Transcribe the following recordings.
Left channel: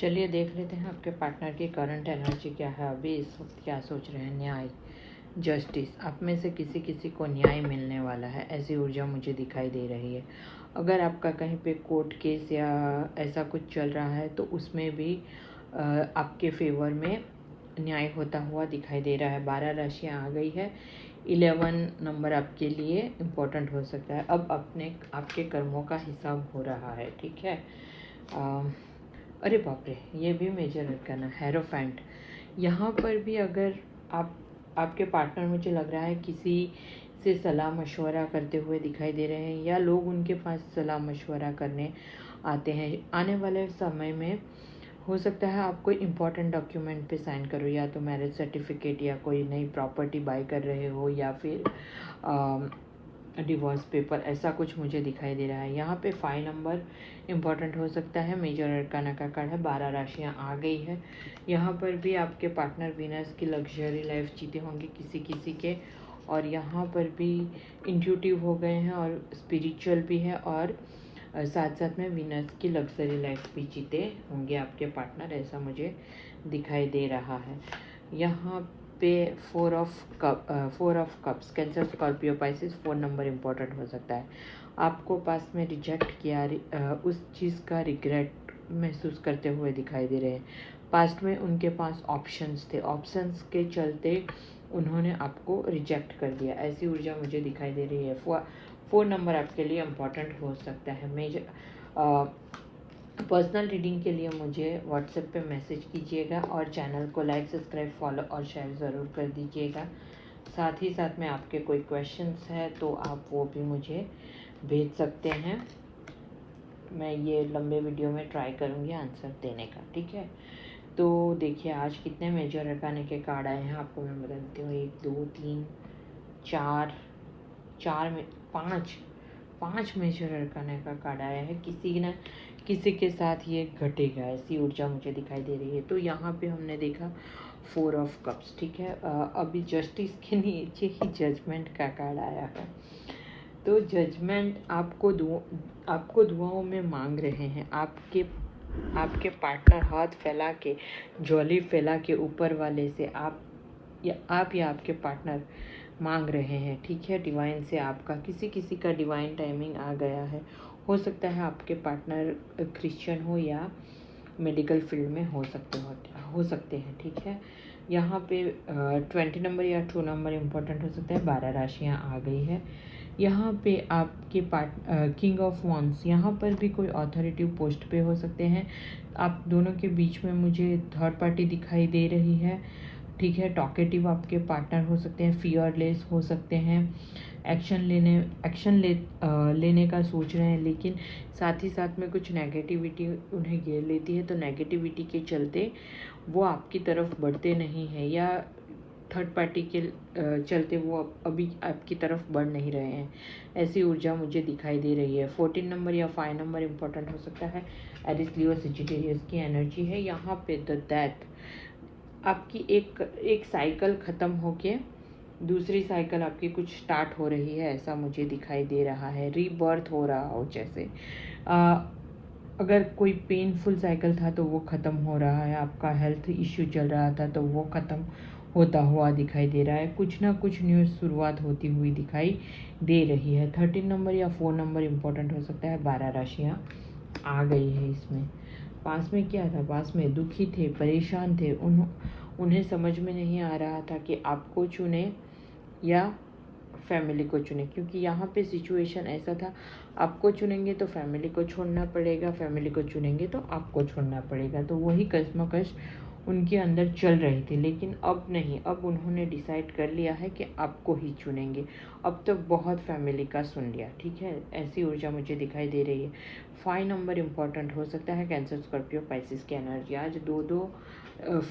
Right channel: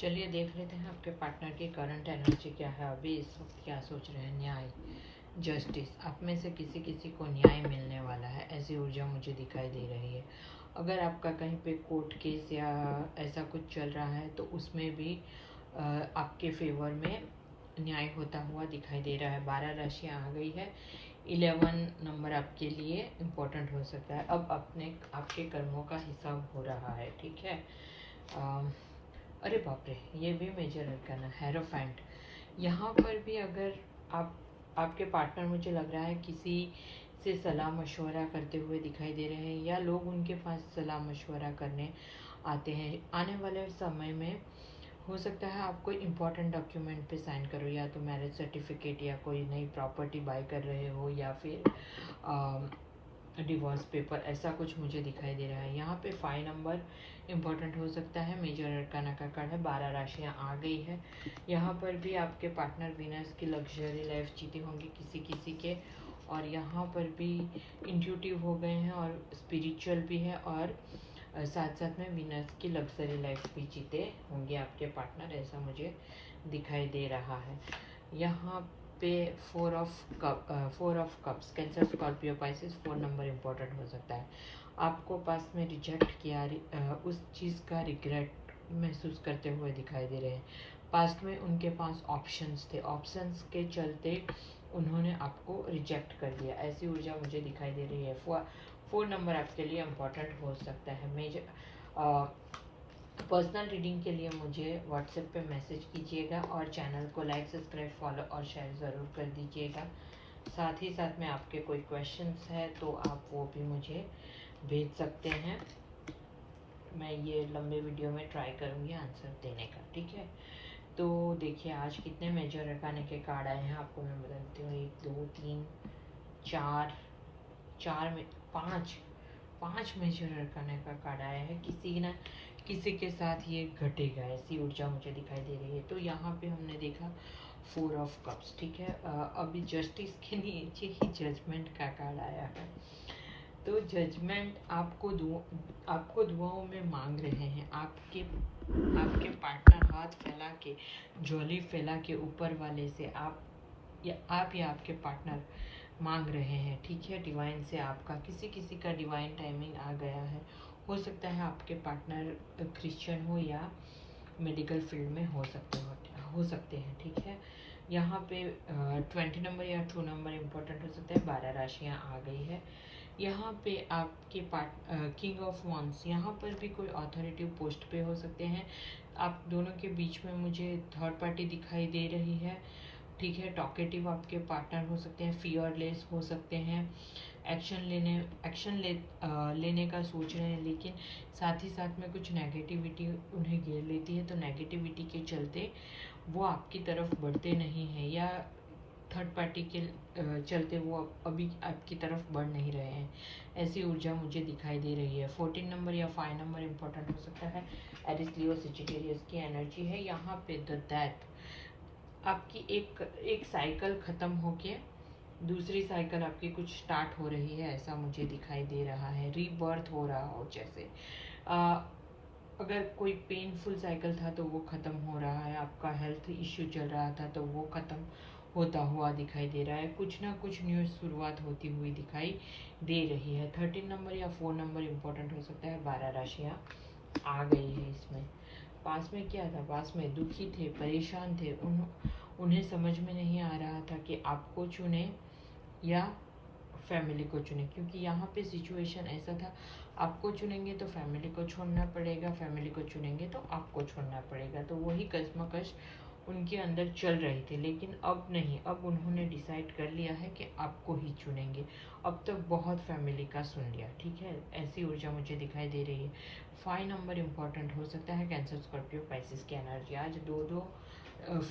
चलिए देख लेते हैं आपके पार्टनर की करंट एनर्जी क्या है, अभी इस वक्त क्या सोच रहे हैं। न्याय, जस्टिस, आप में से किसी किसी को न्याय मिलने वाला है, ऐसी ऊर्जा मुझे दिखाई दे रही है। अगर आपका कहीं पे कोर्ट केस या ऐसा कुछ चल रहा है तो उसमें भी आपके फेवर में न्याय होता हुआ दिखाई दे रहा है। 12 राशियाँ आ गई है। 11 नंबर आपके लिए इम्पोर्टेंट हो सकता है। अब आपके कर्मों का हिसाब हो रहा है, ठीक है। अरे बाप रे, ये भी मेजर अरकाना हेरोफेंट। यहाँ पर भी अगर आपके पार्टनर, मुझे लग रहा है किसी से सलाह मशवरा करते हुए दिखाई दे रहे हैं, या लोग उनके पास सलाह मशवरा करने आते हैं। आने वाले समय में हो सकता है आप कोई इम्पोर्टेंट डॉक्यूमेंट पे साइन करो, या तो मैरिज सर्टिफिकेट या कोई नई प्रॉपर्टी बाय कर रहे हो, या फिर डिवोर्स पेपर, ऐसा कुछ मुझे दिखाई दे रहा है। यहाँ पे 5 नंबर इम्पॉर्टेंट हो सकता है। मेजर अरकाना का कार्ड है। 12 राशियाँ आ गई है। यहाँ पर भी आपके पार्टनर वीनस की लग्जरी लाइफ जीते होंगे किसी किसी के, और यहाँ पर भी इंट्यूटिव हो गए हैं और स्पिरिचुअल भी है, और साथ साथ में वीनस की लग्जरी लाइफ भी जीते होंगे आपके पार्टनर, ऐसा मुझे दिखाई दे रहा है। यहाँ पे 4 of cups, cancer, Scorpio, Pisces, 4 number important हो सकता है। आपको पास में रिजेक्ट किया, उस चीज़ का रिग्रेट महसूस करते हुए दिखाई दे रहे हैं। पास्ट में उनके पास ऑप्शंस थे, ऑप्शंस के चलते उन्होंने आपको रिजेक्ट कर दिया, ऐसी ऊर्जा मुझे दिखाई दे रही है। 4 नंबर आपके लिए इम्पोर्टेंट हो सकता है। मेजर पर्सनल रीडिंग के लिए मुझे व्हाट्सएप पे मैसेज कीजिएगा, और चैनल को लाइक, सब्सक्राइब, फॉलो और शेयर ज़रूर कर दीजिएगा। साथ ही साथ में आपके कोई क्वेश्चंस है तो आप वो भी मुझे भेज सकते हैं। मैं ये लंबे वीडियो में ट्राई करूँगी आंसर देने का, ठीक है। तो देखिए आज कितने मेजर अरकाने के कार्ड आए हैं आपको मैं बता देती हूँ। 1 2 3 4 में 5 मेजर अरकाने का कार्ड आया है। किसी न किसी के साथ ये घटेगा, ऐसी ऊर्जा मुझे दिखाई दे रही है। तो यहाँ पे हमने देखा 4 ऑफ कप्स, ठीक है। अभी जस्टिस के नीचे ही जजमेंट का कार्ड आया है। तो जजमेंट आपको दुआओं में मांग रहे हैं। आपके पार्टनर हाथ फैला के, झोली फैला के ऊपर वाले से आप या आपके पार्टनर मांग रहे हैं, ठीक है। डिवाइन से आपका किसी का डिवाइन टाइमिंग आ गया है। हो सकता है आपके पार्टनर क्रिश्चियन हो या मेडिकल फील्ड में हो सकते हैं, ठीक है। यहाँ पे 20 नंबर या 2 नंबर इम्पोर्टेंट हो सकता है। 12 राशियाँ आ गई है। यहाँ पे आपके किंग ऑफ वॉन्ड्स, यहाँ पर भी कोई अथॉरिटिव पोस्ट पे हो सकते हैं। आप दोनों के बीच में मुझे थर्ड पार्टी दिखाई दे रही है, ठीक है। टॉकेटिव आपके पार्टनर हो सकते हैं, फियरलेस हो सकते हैं, एक्शन लेने का सोच रहे हैं, लेकिन साथ ही साथ में कुछ नेगेटिविटी उन्हें घेर लेती है। तो नेगेटिविटी के चलते वो आपकी तरफ बढ़ते नहीं हैं, या थर्ड पार्टी के चलते वो अभी आपकी तरफ बढ़ नहीं रहे हैं, ऐसी ऊर्जा मुझे दिखाई दे रही है। 14 नंबर या 5 नंबर इम्पोर्टेंट हो सकता है। एरिस, लियो, सजिटेरियस की एनर्जी है। यहाँ पे द डेथ, आपकी एक साइकिल ख़त्म होके दूसरी साइकिल आपकी कुछ स्टार्ट हो रही है, ऐसा मुझे दिखाई दे रहा है। रीबर्थ हो रहा हो जैसे। अगर कोई पेनफुल साइकिल था तो वो ख़त्म हो रहा है। आपका हेल्थ इश्यू चल रहा था तो वो ख़त्म होता हुआ दिखाई दे रहा है। कुछ ना कुछ न्यू शुरुआत होती हुई दिखाई दे रही है। 13 नंबर या 4 नंबर इम्पोर्टेंट हो सकता है। 12 राशियाँ आ गई है इसमें। पास में क्या था, पास में दुखी थे, परेशान थे, उन्हें समझ में नहीं आ रहा था कि आपको चुने या फैमिली को चुने, क्योंकि यहाँ पे सिचुएशन ऐसा था, आपको चुनेंगे तो फैमिली को छोड़ना पड़ेगा, फैमिली को चुनेंगे तो आपको छोड़ना पड़ेगा। तो वही कश्मकश उनके अंदर चल रही थी, लेकिन अब नहीं, अब उन्होंने डिसाइड कर लिया है कि आपको ही चुनेंगे। अब तो बहुत फैमिली का सुन लिया, ठीक है। ऐसी ऊर्जा मुझे दिखाई दे रही है। 5 नंबर इम्पोर्टेंट हो सकता है। कैंसर, स्कॉर्पियो, पाइसिस की एनर्जी। आज 2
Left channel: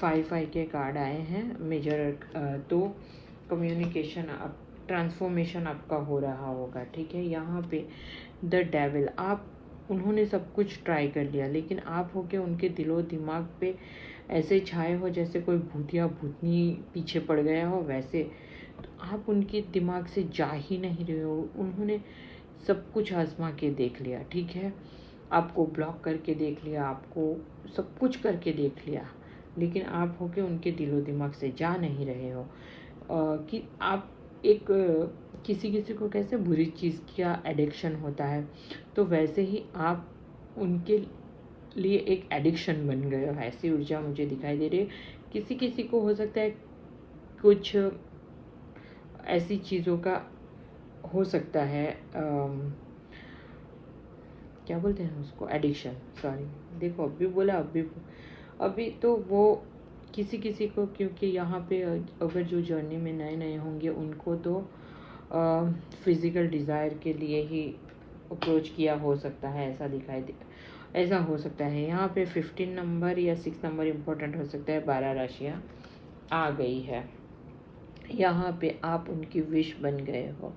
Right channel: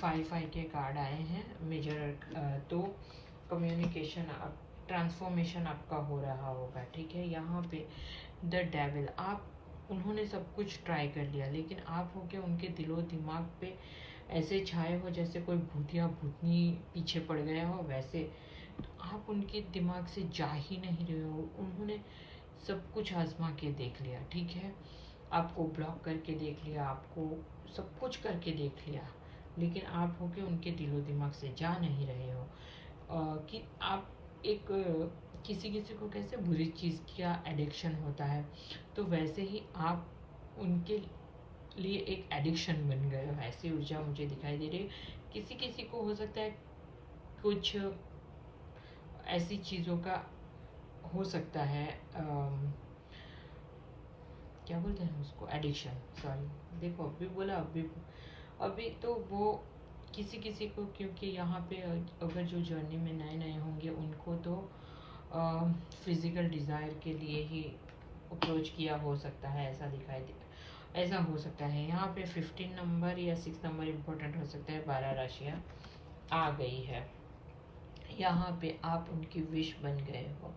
5 के कार्ड आए हैं मेजर। तो कम्युनिकेशन, आप ट्रांसफॉर्मेशन आपका हो रहा होगा, ठीक है। यहाँ पे द डेविल, उन्होंने सब कुछ ट्राई कर लिया, लेकिन आप होके उनके दिलो दिमाग पे ऐसे छाए हो जैसे कोई भूतिया भूतनी पीछे पड़ गया हो, वैसे। तो आप उनके दिमाग से जा ही नहीं रहे हो। उन्होंने सब कुछ आजमा के देख लिया, ठीक है। आपको ब्लॉक करके देख लिया, आपको सब कुछ करके देख लिया, लेकिन आप हो के उनके दिलो दिमाग से जा नहीं रहे हो। कि आप एक किसी किसी को कैसे बुरी चीज़ का एडिक्शन होता है, तो वैसे ही आप उनके लिए एक एडिक्शन बन गए हो, ऐसी ऊर्जा मुझे दिखाई दे रही है। किसी किसी को हो सकता है कुछ ऐसी चीज़ों का हो सकता है, क्या बोलते हैं उसको, एडिक्शन, सॉरी, देखो अभी बोला, अभी तो वो किसी किसी को, क्योंकि यहाँ पे अगर जो जर्नी में नए नए होंगे उनको तो फिज़िकल डिज़ायर के लिए ही अप्रोच किया हो सकता है, ऐसा हो सकता है। यहाँ पे 15 नंबर या 6 नंबर इम्पोर्टेंट हो सकता है। 12 राशियाँ आ गई है। यहाँ पे आप उनकी विश बन गए हो,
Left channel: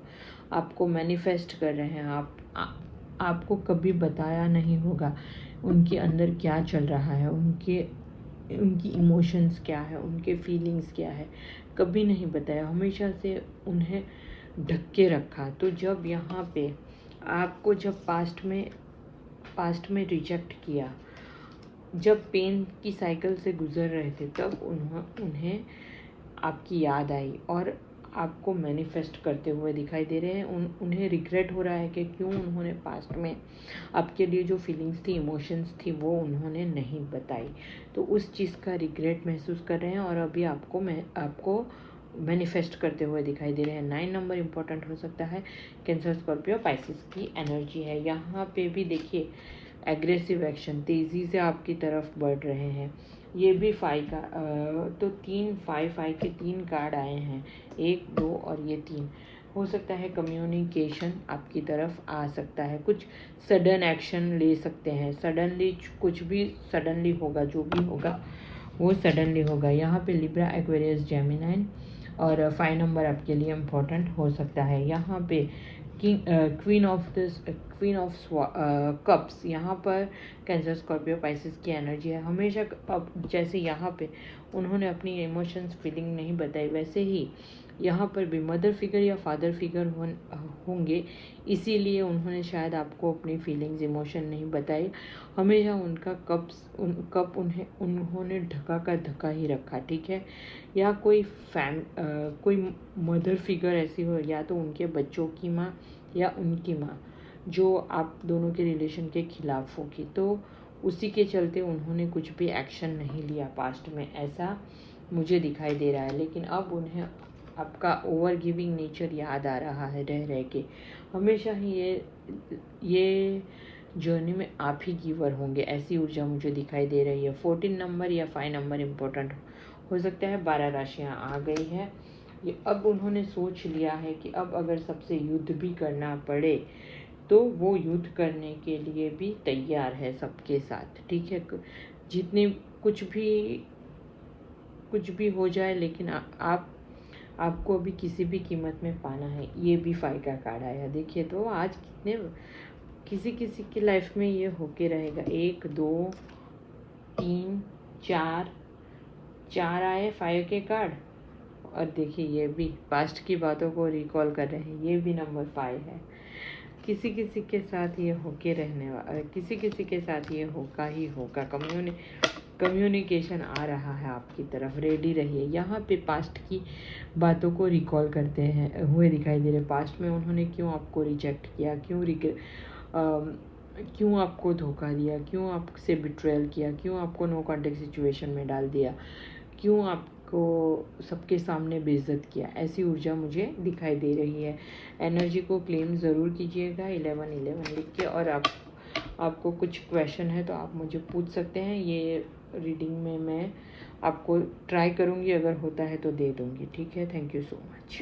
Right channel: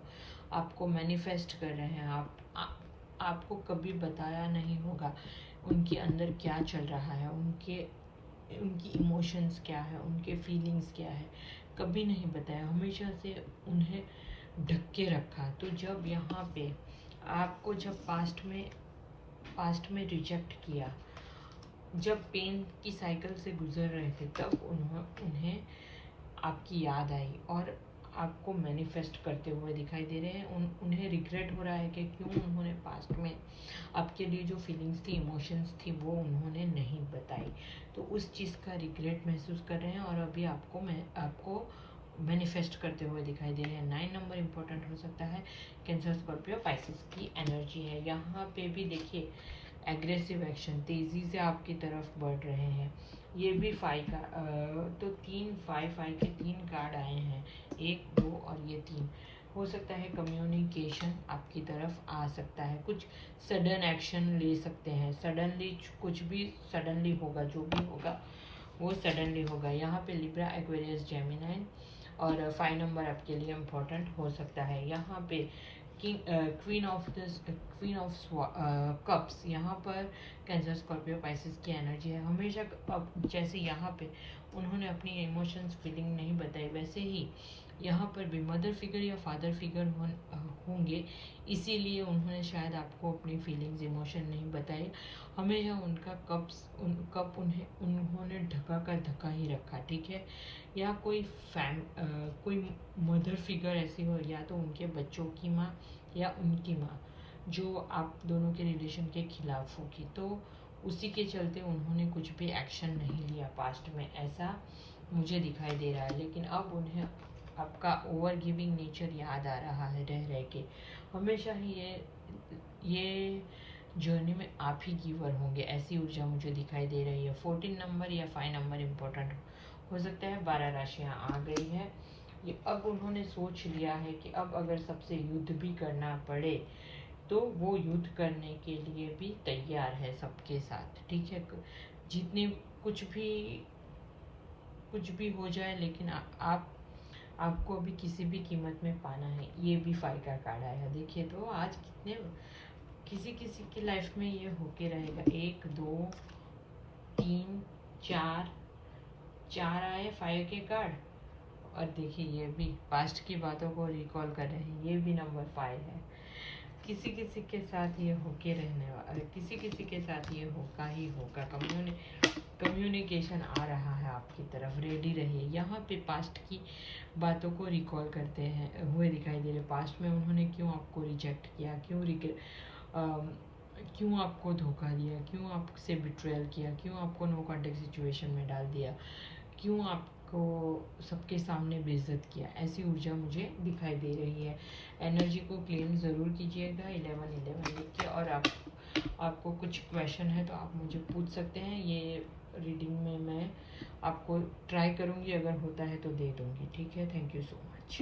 आपको मैनिफेस्ट कर रहे हैं। आपको कभी बताया नहीं होगा उनके अंदर क्या चल रहा है, उनकी इमोशंस क्या है, उनके फीलिंग्स क्या है, कभी नहीं बताया, हमेशा से उन्हें ढक के रखा। तो जब यहाँ पे आपको जब पास्ट में रिजेक्ट किया, जब पेन की साइकिल से गुजर रहे थे, तब उन्हें आपकी याद आई और आपको मैनिफेस्ट करते हुए दिखाई दे रहे हैं। उन्हें रिग्रेट हो रहा है कि क्यों उन्होंने पास्ट में आपके लिए जो फीलिंग्स थी, इमोशंस थी, वो उन्होंने नहीं बताई। तो उस चीज़ का रिग्रेट महसूस कर रहे हैं और अभी आपको मैनिफेस्ट करते हुए दिखाई दे रहे हैं। 9 नंबर इम्पोर्टेंट हो सकता है। कैंसर, स्कॉर्पियो, पाइसेस की एनर्जी है। यहाँ पे भी देखिए एग्रेसिव एक्शन, तेज़ी से आपकी तरफ बढ़ रहे हैं। ये भी 5 का तो 5 के 3 कार्ड आए हैं, 1, 2 और ये 3। हो सकता है कम्युनिकेशन आपकी तरफ आ सकता है, कुछ सडन एक्शन ले सकते हैं, सडनली कुछ भी सडनली होगा, जो भी होगा वो सडनली होगा। यहाँ पे लिब्रा, एक्वेरियस, जेमिनाई और 5 नंबर आपके लिए इम्पोर्टेंट हो सकता है। यहाँ पे क्वीन ऑफ कप्स, यहाँ पर कैंसर, स्कॉर्पियो, पाइसेस की एनर्जी है। हमेशा अब जैसे यहाँ पे उन्होंने अपनी इमोशंस, फीलिंग नहीं बताई, वैसे ही यहाँ पर भी मदर फिगर या फादर फिगर होंगे, इसीलिए उन्होंने शायद आपको अपनी फीलिंग्स, इमोशन नहीं बताई। हमेशा उनका कप उन्होंने ढका का ढका ही रखा, ठीक है। या कोई मदर फिगर ऐसी हो, या तो उनके बच्चों की माँ या उनकी माँ, जो आप दोनों के रिलेशन के खिलाफ होगी, तो उसी के चलते उन्होंने कुछ भी एक्शन नहीं लिया पास्ट में, ऐसा मुझे दिखाई दे रहा है। लेकिन अब उन्हें आपका ओवर गिविंग नेचर याद आ रहा है रह के। हमेशा ही ये जर्नी में आप ही गिवर होंगे, ऐसी ऊर्जा मुझे दिखाई दे रही है। 14 नंबर या 5 नंबर इम्पोर्टेंट हो सकता है। 12 राशियाँ आ गई है। ये अब उन्होंने सोच लिया है कि अब अगर सबसे युद्ध भी करना पड़े तो वो युद्ध करने के लिए भी तैयार है सबके साथ, ठीक है। जितने कुछ भी हो जाए, लेकिन आपको अभी किसी भी कीमत में पाना है। ये भी 5 का कार्ड आया, देखिए तो आज कितने किसी किसी की लाइफ में ये होके रहेगा। 1, 2, 3, 4 आए 5 के कार्ड। और देखिए ये भी पास्ट की बातों को रिकॉल कर रहे हैं, ये भी नंबर 5 है। किसी किसी के साथ ये होके रहने वाला, किसी किसी के साथ ये होगा ही होगा। कम्युनिकेशन आ रहा है आपकी तरफ, रेडी रहिए। यहाँ पे पास्ट की बातों को रिकॉल करते हैं हुए दिखाई दे रहे। पास्ट में उन्होंने क्यों आपको रिजेक्ट किया, क्यों आपको धोखा दिया, क्यों आपसे बिट्रेयल किया, क्यों आपको नो कॉन्टेक्ट सिचुएशन में डाल दिया, क्यों आपको सबके सामने बेइज्जत किया, ऐसी ऊर्जा मुझे दिखाई दे रही है। एनर्जी को क्लेम ज़रूर कीजिएगा 1111 लिख के। और आपको कुछ क्वेश्चन है तो आप मुझे पूछ सकते हैं। ये रीडिंग में मैं आपको ट्राई करूँगी, अगर होता है तो दे दूँगी, ठीक है। Thank you so much.